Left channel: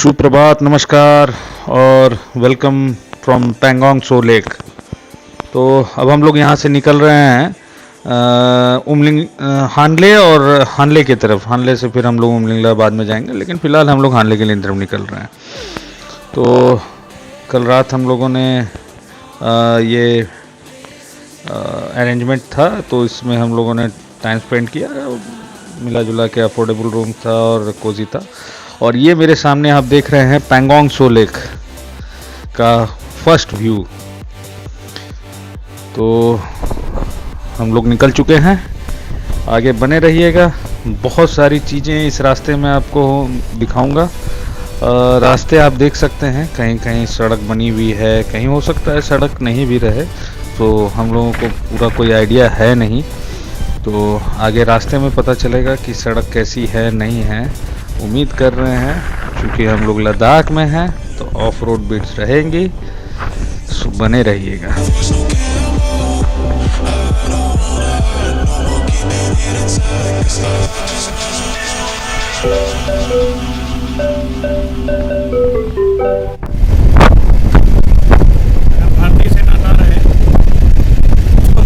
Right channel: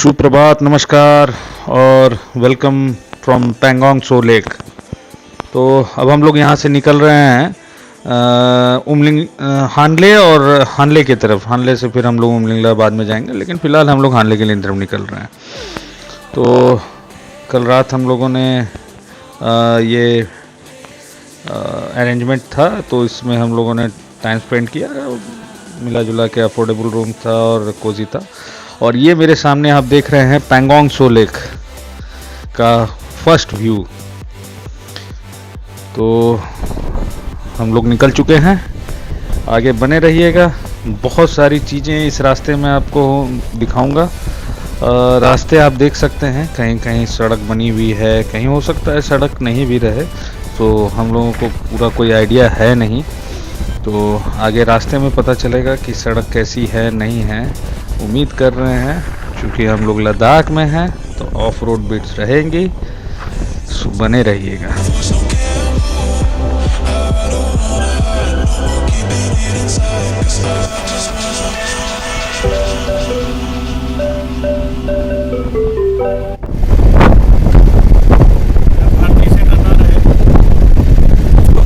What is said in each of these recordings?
सुप्रभात, नमस्कार और welcome from Pangong so lake. तो अब हम लोग यहाँ से निकल रहे हैं उमलिंग हानले और हानले की तरफ। हानले से फिर हम लोग उमलिंगला बाद में जाएंगे, लेकिन फ़िलहाल हम लोग हानले के लिए तरफ निकल रहे हैं। तो कल रात हम लोगों ने ये अरेंजमेंट था, तो इसमें हम लोगों ने टाइम स्पेंड किया, मिला जुला के अफोर्डेबल रूम था और कोजी था। और ये मेरे सामने आप देख रहे हैं पैंगोंग सो लेक का फर्स्ट व्यू। तो हम लोग निकल चुके हैं, आगे बने रहिएगा। बहुत सारी चीज़ें इस रास्ते में आपको दिखाऊंगा। रास्ते आप देख सकते हैं, कहीं कहीं सड़क बनी हुई है, कहीं हो सकता है सड़क नहीं भी रहे, तो हम लोगों को पूरा कोई आइडिया है नहीं। तो आगे रास्ते में पता चलेगा कि सड़क कैसी है नहीं है। उम्मीद कर रहे हैं, चूँकि हम लोग लद्दाख में हैं तो ऑफ रोड बिट्स रहेंगी, सो बने रहिएगा। अगर भारतीय सेना ना रहे तो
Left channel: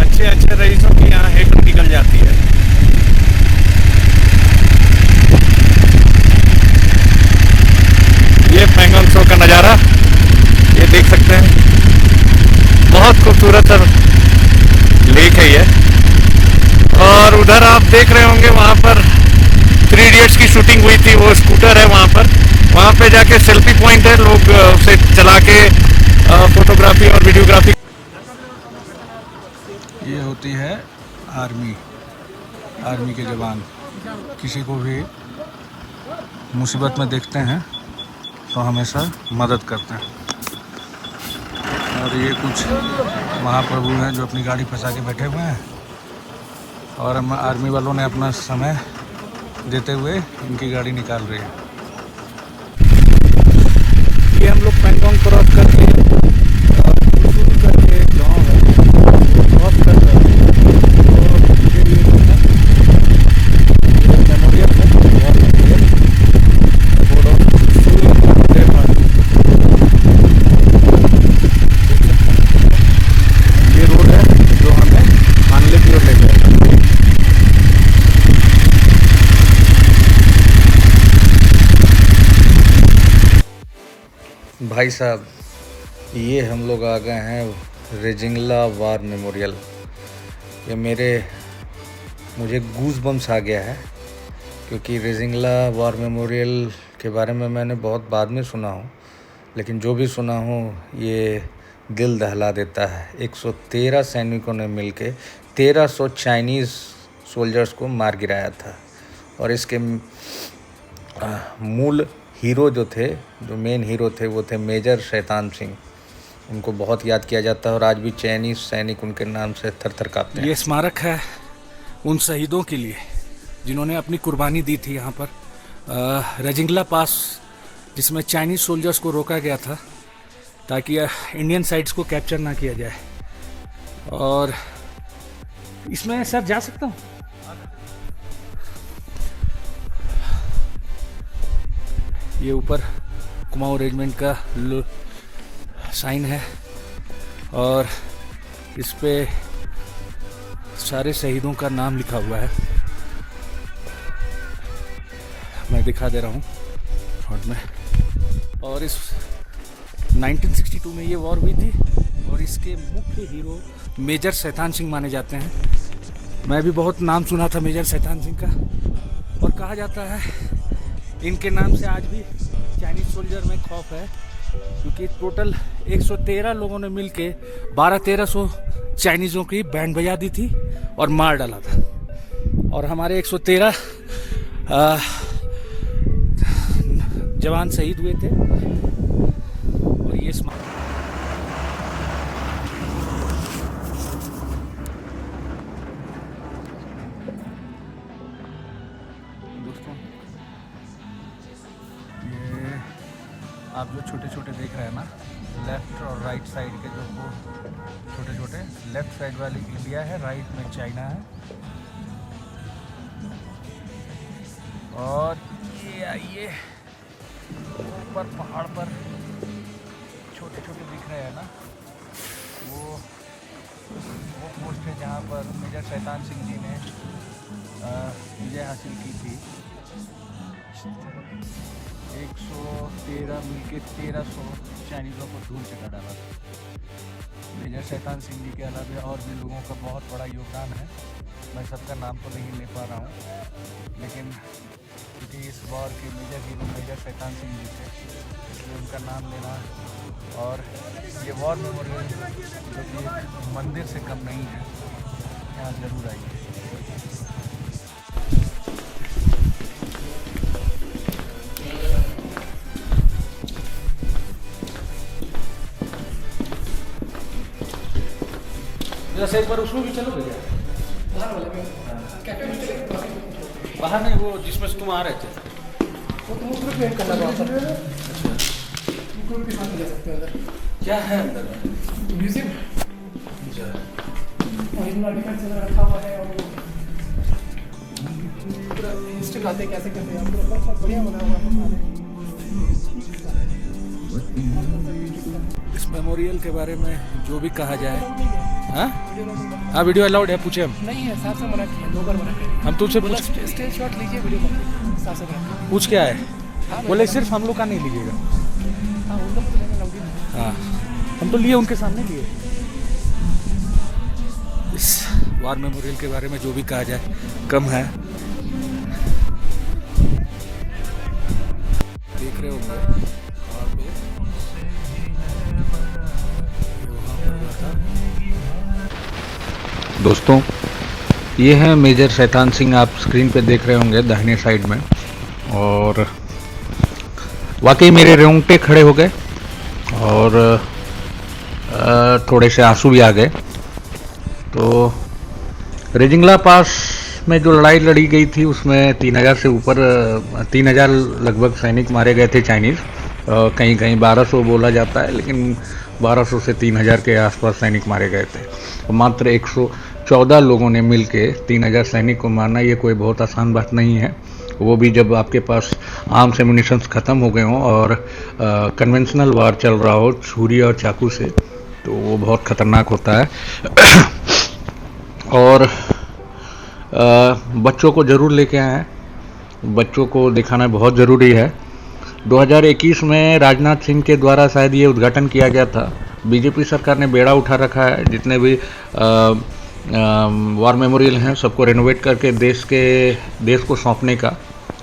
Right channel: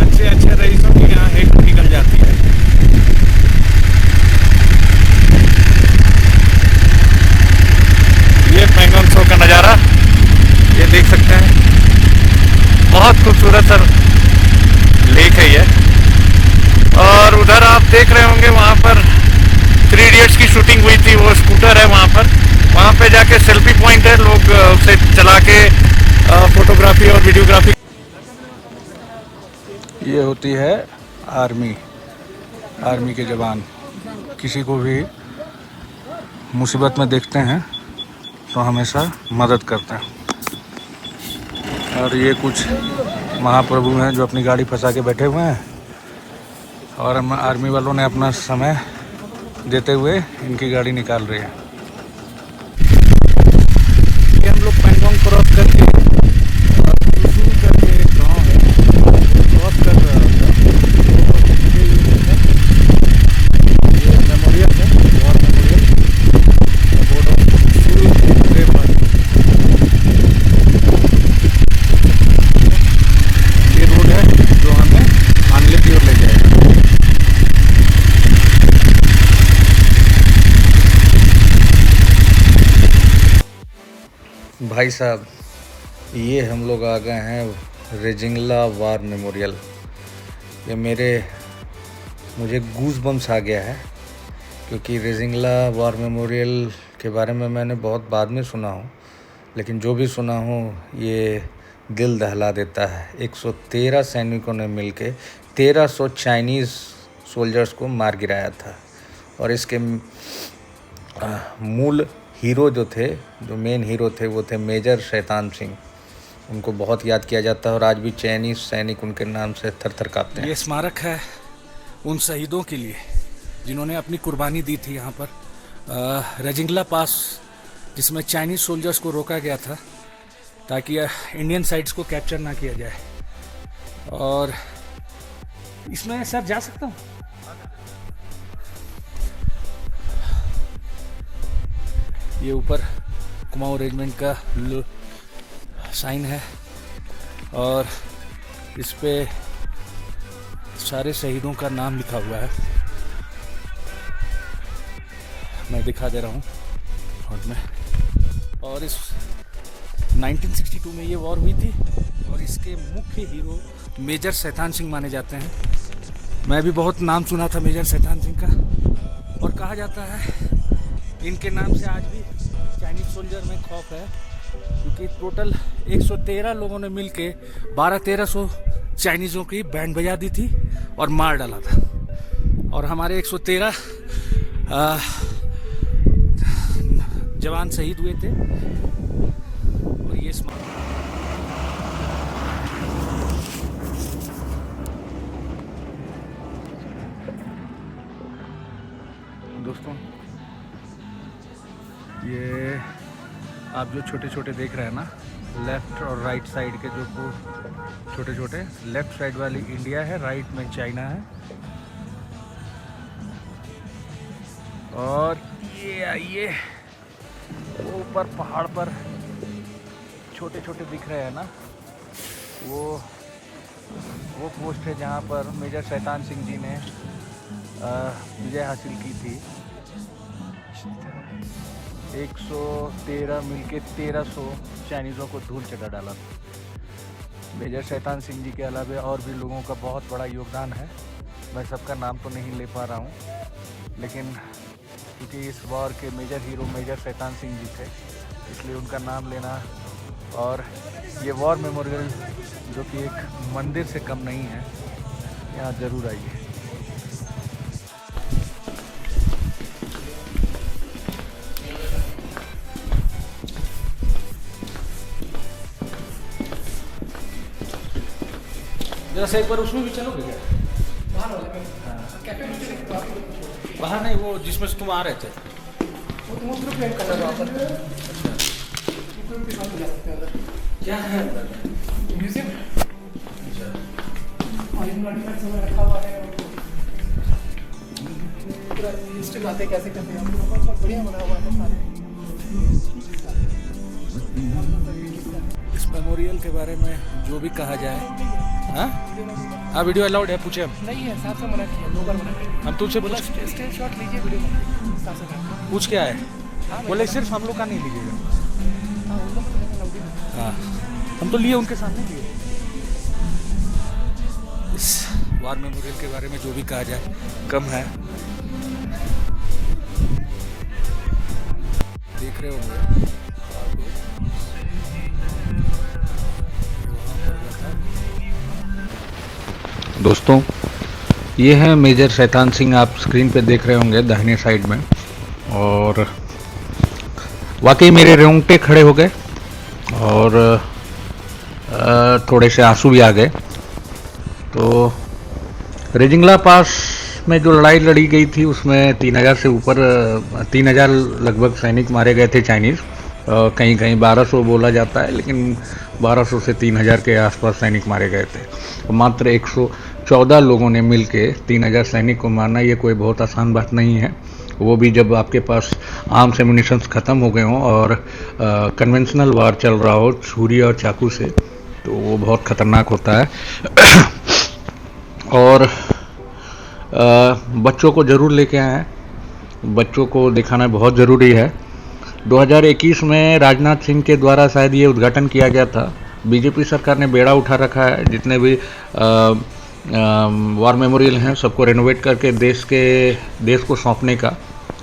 अच्छे अच्छे रईसों की यहाँ हेट निकल जाती है। ये पैंगोंग सो का नज़ारा ये देख सकते हैं, बहुत खूबसूरत सर लेक है ये। और उधर आप देख रहे होंगे, वहाँ पर 3 इडियट्स की शूटिंग हुई थी, वो स्कूटर है वहाँ पर जाके सेल्फी पॉइंट है, लोग उसे चला के फोटोग्राफी और वीडियोग्राफी। ये होती है आर्मी के जवान। किसी को भी मुसीबत में देखते हैं तो हमेशा मदद करते हैं। और ये कुछ महाप्रभु हैं जो अपनी गाड़ी फंसा के बैठे हुए हैं, और हम आर्मी वालों ने अपना समय देते हुए इनकी गाड़ी निकाल रही है। ये हम लोग पैंगोंग क्रॉस करके शुरू करके एक गाँव है, वो क्रॉस कर रहा था। तो मुझे ये देखा, ये मेमोरियल है, वॉर मेमोरियल, बोर्ड ऑफ ये रोड है जो हमें हानले की ओर ले जाएगा। भाई साहब, ये हम लोग आ गए हैं रेजिंगला वार मेमोरियल। ये मुझे गूज बम्स आ गया है, क्योंकि रेजिंगला वार मेमोरियल के बारे में मैंने बहुत बाद में सुना हूँ, लेकिन जो भी सुना हूँ ये दिल दहला देता है। 113 सैनिकों ने मिलके 1300 चाइनीज़ सोल्जर्स को मार गिराया था। और इसके मूल हीरो जो मेन हीरो थे, वो थे मेजर शैतान सिंह। उनको बहुत याद किया जाता है और आज भी चाइनीज़ सैनिक उनके नाम से थर-थर काँपते हैं। ये स्मारक है उन शहीदों के लिए जिन्होंने अपनी कुर्बानी दी थी यहाँ पर रेजिंगला पास, जिसमें चाइनीज़ सोल्जर्स को रोका गया था ताकि इंडियन साइड्स को कैप्चर ना किया जाए। और इसमें सर जा सकता हूँ? ये ऊपर कुमाऊं रेजिमेंट का साइन है और इस पे सारे शहीदों का नाम लिखा हुआ है। मैं दिखा दे रहा हूँ फ्रंट में। और इस 1962 में ये वॉर हुई थी और इसके मुख्य हीरो मेजर शैतान सिंह माने जाते हैं। मैं भी बहुत नाम सुना था मेजर शैतान सिंह का, और कहा जाता है इनके नाम से आज भी चाइनीज सोल्जर में खौफ है, क्योंकि टोटल 113 लोगों ने मिलके 1200-1300 चाइनीज़ों की बैंड बजा दी थी और मार डाला था। और हमारे 113 जवान शहीद हुए थे। और ये दोस्तों, ये आप जो छोटे छोटे देख रहे हैं ना, लेफ्ट और राइट साइड के जो छोटे छोटे, लेफ्ट साइड वाली इंडिया है, राइट में चाइना है, और ये आइए, ऊपर पहाड़ पर छोटे छोटे दिख रहे हैं ना, वो पोस्ट है जहाँ पर मेजर शैतान सिंह जी ने विजय हासिल की थी। 113 मिल के 1300 चाइनीज़ों को धूल चटा डाला था। मेजर शैतान सिंह जी के अलावा और भी लोगों का बहुत बड़ा योगदान है। मैं सबका नाम तो नहीं ले पा रहा हूँ, लेकिन क्योंकि इस वॉर के major hero major Shaitan Singh ji थे, इसलिए उनका नाम लेना। और ये वॉर मेमोरियल जो कि एक मंदिर से कम नहीं है, यहाँ ज़रूर आइए। जैसे एक बार उसमें भी चलोगे क्या? बाहर नहीं, वो जिसमें तुम आ रहे थे वो तुम ग्रुप गेम करना वहाँ पर। ग्रुप के साथ क्या है म्यूजिक रखा हुआ है, और पूरा कैसे करते हैं, बहुत बढ़िया बना हुआ है। इस मेमोरियल के बारे में जो भी कहा जाए, हाँ हाँ वीडियो अलाउड है, पूछे हम नहीं है, साथ में हम तुझसे पूछ क्या है, बोले सिर्फ हम लोग का नहीं लीजिएगा। हाँ हम तो लिए, उनके सामने लिए। इस वार मेमोरियल के बारे में जो भी कहा जाए कम है। देख रहे होंगे ये वहाँ पर हुआ था। दोस्तों, ये है मेजर शैतान सिंह, आप स्क्रीन पे देख रहे होंगे दाहिने साइड में। और वाकई मेरे रोंगटे खड़े हो गए और थोड़े से आंसू भी आ गए। तो रेजिंगला पास में जो लड़ाई लड़ी गई थी उसमें 3000 से ऊपर 3000 लगभग सैनिक मारे गए थे चाइनीज़। कहीं कहीं 1200 बोला जाता है, लेकिन 1200 से 3000 के आसपास सैनिक मारे गए थे। मात्र 114 लोगों ने मिलके 3000 सैनिक को मारना, ये कोई बहुत आसान बात नहीं है। वो भी जब आपके पास आर्म्स एम्युनिशंस ख़त्म हो गए हों और कन्वेंशनल वार चल रहा हो छुरी और चाकू से, तो वो बहुत ख़तरनाक होता है। और बच्चों को ज़रूर लेके आएँ, बच्चों को दिखाना बहुत ज़रूरी है। 2021 में राजनाथ सिंह के द्वारा शायद ये उद्घाटन किया गया था। बीजेपी सरकार ने बेड़ा उठा रखा है, जितने भी वार मेमोरियल हैं सबको रेनोवेट करके देश को सौंपने का।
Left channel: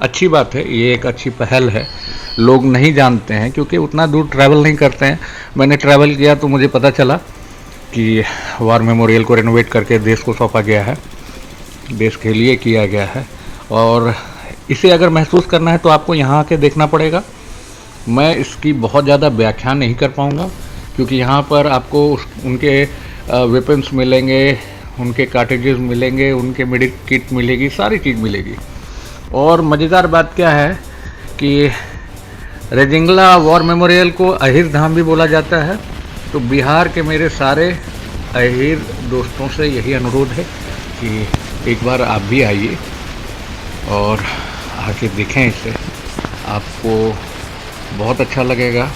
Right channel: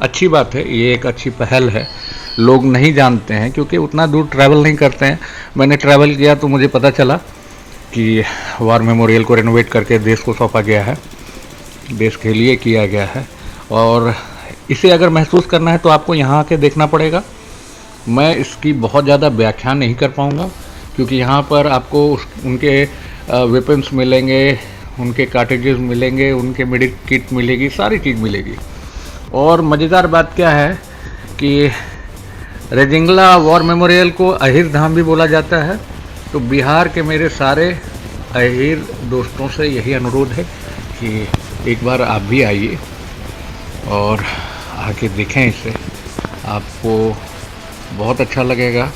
अच्छी बात है, ये एक अच्छी पहल है। लोग नहीं जानते हैं क्योंकि उतना दूर ट्रैवल नहीं करते हैं। मैंने ट्रैवल किया तो मुझे पता चला कि वार मेमोरियल को रेनोवेट करके देश को सौंपा गया है, देश के लिए किया गया है। और इसे अगर महसूस करना है तो आपको यहाँ आके देखना पड़ेगा। मैं इसकी बहुत ज़्यादा व्याख्या नहीं कर पाऊँगा क्योंकि यहाँ पर आपको उनके वेपन्स मिलेंगे, उनके कार्टेजेस मिलेंगे, उनके मेडिक किट मिलेगी, सारी चीज़ मिलेगी। और मज़ेदार बात क्या है कि रेजिंगला वॉर मेमोरियल को अहिर धाम भी बोला जाता है। तो बिहार के मेरे सारे अहिर दोस्तों से यही अनुरोध है कि एक बार आप भी आइए और आके देखें इसे, आपको बहुत अच्छा लगेगा।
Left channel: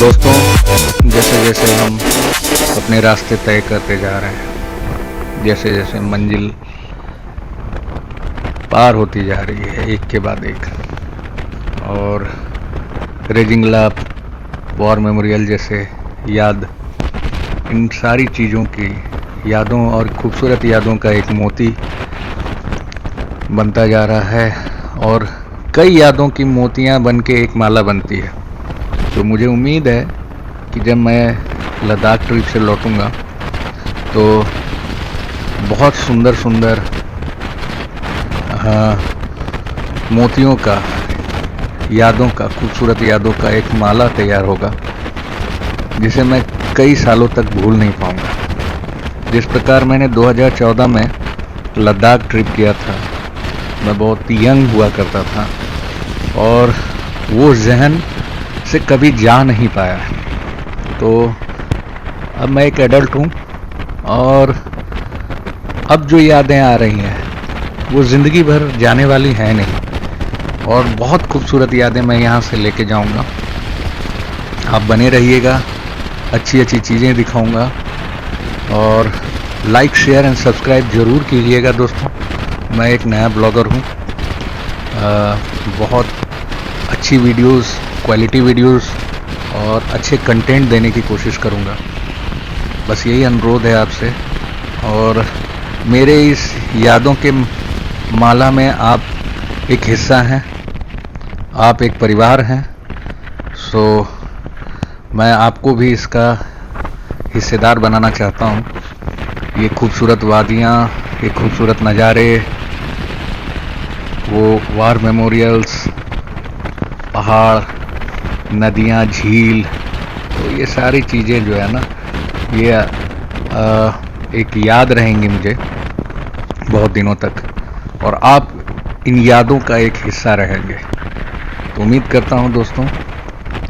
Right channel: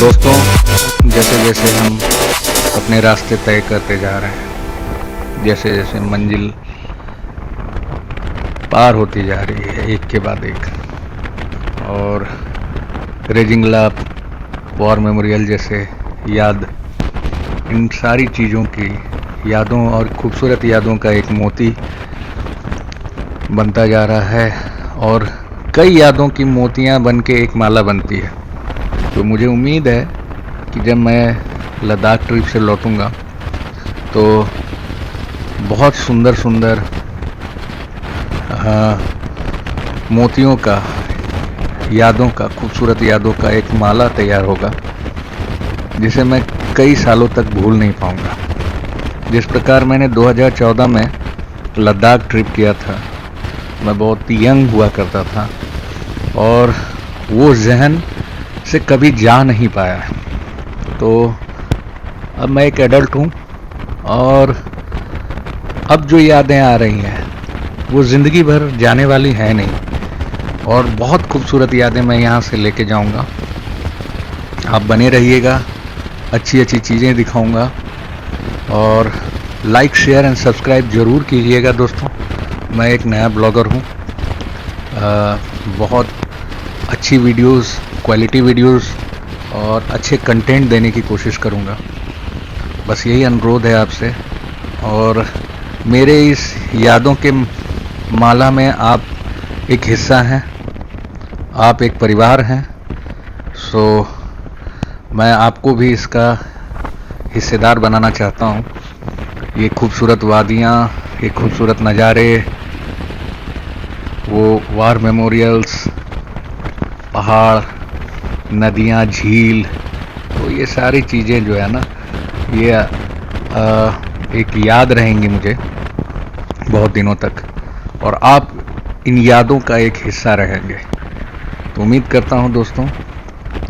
दोस्तों, जैसे जैसे हम अपने रास्ते तय करते जा रहे हैं, जैसे जैसे मंजिल पार होती जा रही है एक के बाद एक, और रेजिंगला वॉर मेमोरियल जैसे याद, इन सारी चीज़ों की यादों और खूबसूरत यादों का एक मोती बनता जा रहा है और कई यादों की मोतियां बन के एक माला बनती है। तो मुझे उम्मीद है कि जब मैं लद्दाख ट्रिप से लौटूंगा तो बहुत सुंदर सुंदर मोतियों का, यादों का, खूबसूरत यादों का एक माला तैयार होगा जिसे मैं कई सालों तक भूल नहीं पाऊंगा। जिस प्रकार मैंने 2014 में लद्दाख ट्रिप किया था, मैं बहुत यंग हुआ करता था और वो जहन से कभी जा नहीं पाया। तो अब मैं एक एडल्ट हूँ और अब जो यादें आ रही हैं वो ज़िंदगी भर जाने वाली हैं नहीं, और बहुत खूबसूरत यादें मैं यहाँ से लेके जाऊँगा। आप बने रहिएगा, अच्छी अच्छी चीज़ें दिखाऊँगा, और लाइक शेयर एंड सब्सक्राइब ज़रूर कीजिएगा दोस्तों। मैं एक नया ब्लॉगर हूँ, बहुत अच्छी वीडियोस, क्वालिटी वीडियोस और अच्छे कंटेंट देने की कोशिश करूँगा। बस यही अनुरोध है आपसे, और मेरे इस यादों के माला में आप एक हिस्सा हैं, आप एक परिवार हैं। सो मैं आपको भी इसका हिस्सेदार बनाना चाहता हूँ। ये खूबसूरत वादियाँ, ये खूबसूरत नज़ारे, वो वार मेमोरियल्स, पहाड़, नदियाँ, झील, तो ये सारी चीज़ें जो है ना, ये एक याद रहेंगी मुझे बहुत दिनों तक, और आप इन यादों का एक हिस्सा रहेंगे। तो उम्मीद करता हूँ दोस्तों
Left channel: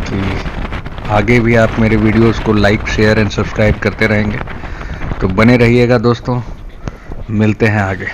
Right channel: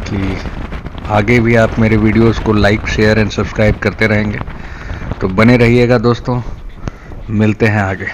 कि आगे भी आप मेरे वीडियोस को लाइक शेयर एंड सब्सक्राइब करते रहेंगे। तो बने रहिएगा दोस्तों, मिलते हैं आगे।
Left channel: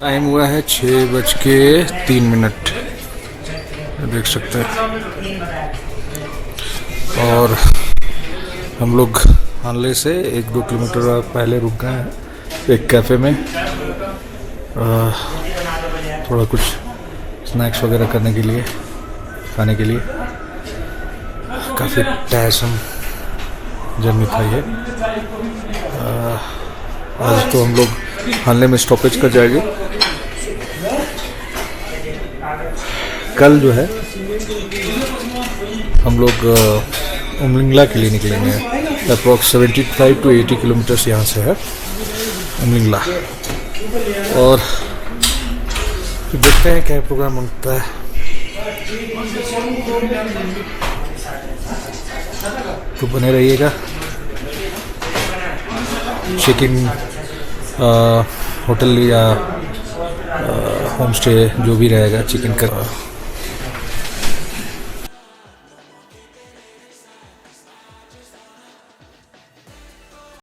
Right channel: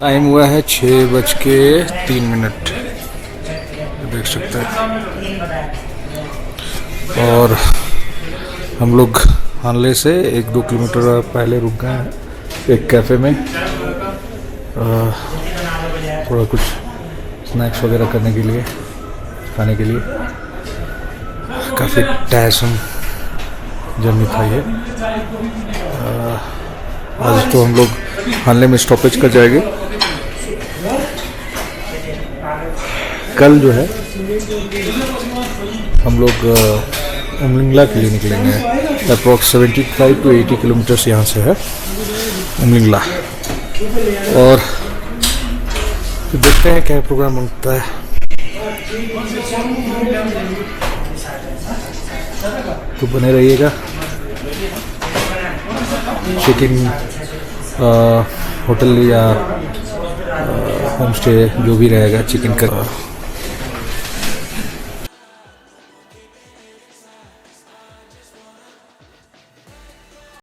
टाइम हुआ है 6:03, देख सकते हैं। और हम लोग हानले से 1-2 किलोमीटर पहले रुक गए हैं एक कैफ़े में, थोड़ा कुछ स्नैक्स वगैरह करने के लिए, खाने के लिए। काफ़ी टायरसम जर्नी था ये। आज तो हम लोग हानले में स्टॉपेज कर जाएंगे। कल जो है हम लोग उमलिंगला के लिए निकलेंगे। अप्रॉक्स 75 to 80 किलोमीटर्स यहाँ से है उमलिंगला, और फिर देखते हैं क्या प्रोग्राम बनता है। तो बने रहिएगा। चेक इन होटल या होम स्टे जो भी रहेगा, चेक इन कर